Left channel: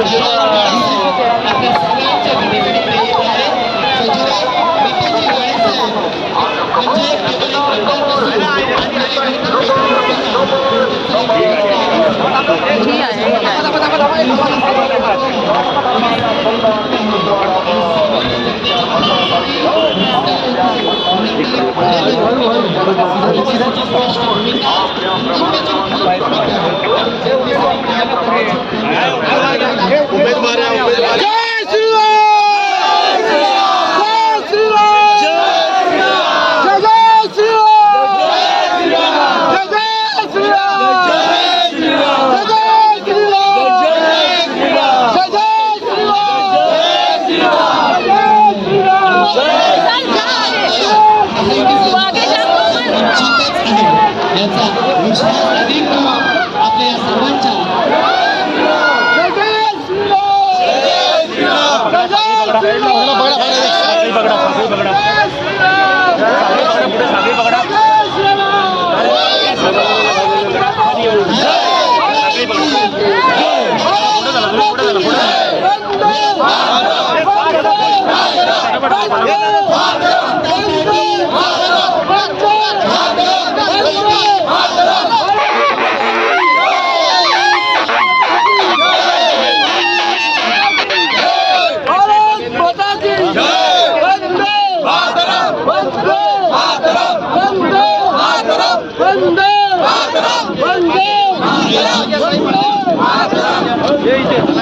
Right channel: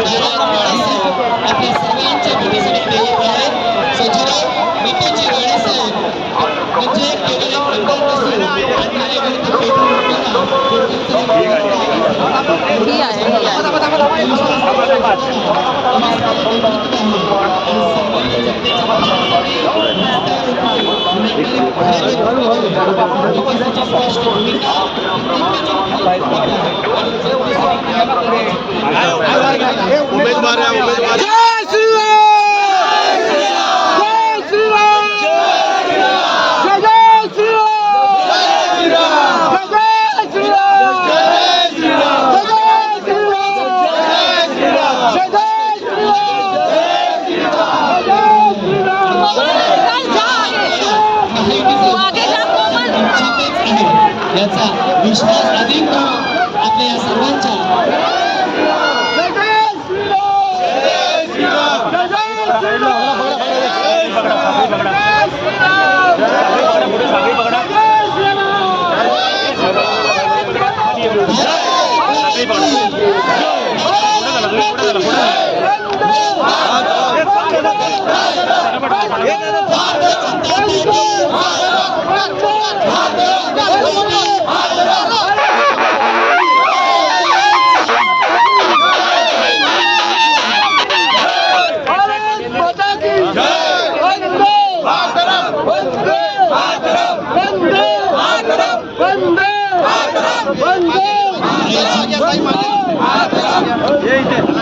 आपल्या सर्वांच्या घडीसाठी प्रेरित आहे. सजीराव मिटेची राणे साहेब म्हणजे केवळ एक आमदार नसून अन्यायाविरुद्ध पेटून उठणारा लोकांचा एक विरोध आहे. स्पष्ट भूमिका आणि जनतेसाठी काम करायचं. याचा विश्वास अधिक आपल्या या सर्वांच्या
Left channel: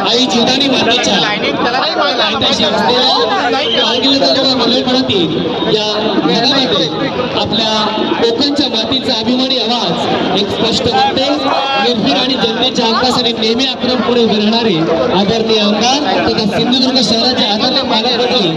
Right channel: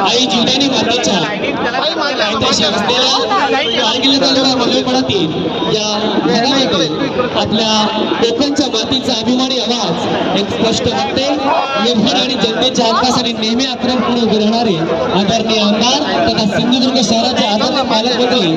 आई जिंदानी मातीच्या या घरामध्ये आपल्या कोकणच्या मातीचा अभिमानी आवाज एक स्पष्ट वाटते. निर्भीड आणि जनतेच्या हक्कासाठी नेहमी आक्रमकपणे उभे राहणारे आदरणीय आमदार तथा सिंधुदुर्ग शहराचे आदरणीय पालकमंत्री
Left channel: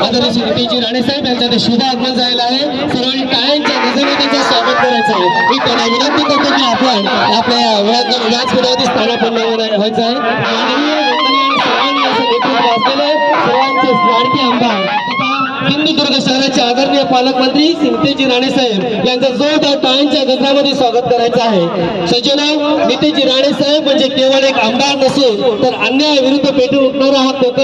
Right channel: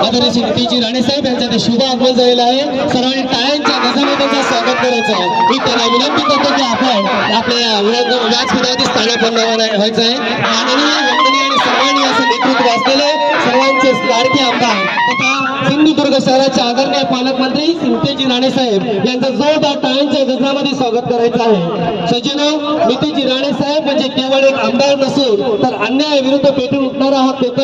आदरणीय श्री नितेशजी राणे साहेब यांचा ते शुभ आगमन झालेलं आहे. सर्वांनी टाळ्यांच्या गजरात त्यांचं स्वागत करायचं आहे. मी त्यांना विनंती करतो की आपण आपल्या व्यासपीठावरती स्थानापन्न व्हायचं आहे. माननीय वंदनीय आणि सर्वांनी असं नेतृत्व असलेले सर्वांचे लाडके आमदार तथा सिंधुदुर्ग शहराचे आदरणीय पालकमंत्री नितेशजी राणे साहेब यांचं जोरदार टाळ्यांच्या गजरामध्ये स्वागत करायचं आहे. सज्जनो, नितेशजी राणे साहेब म्हणजे केवळ एक आमदार नसून तर अन्यायाविरुद्ध पेटून उठणारा हा कोकण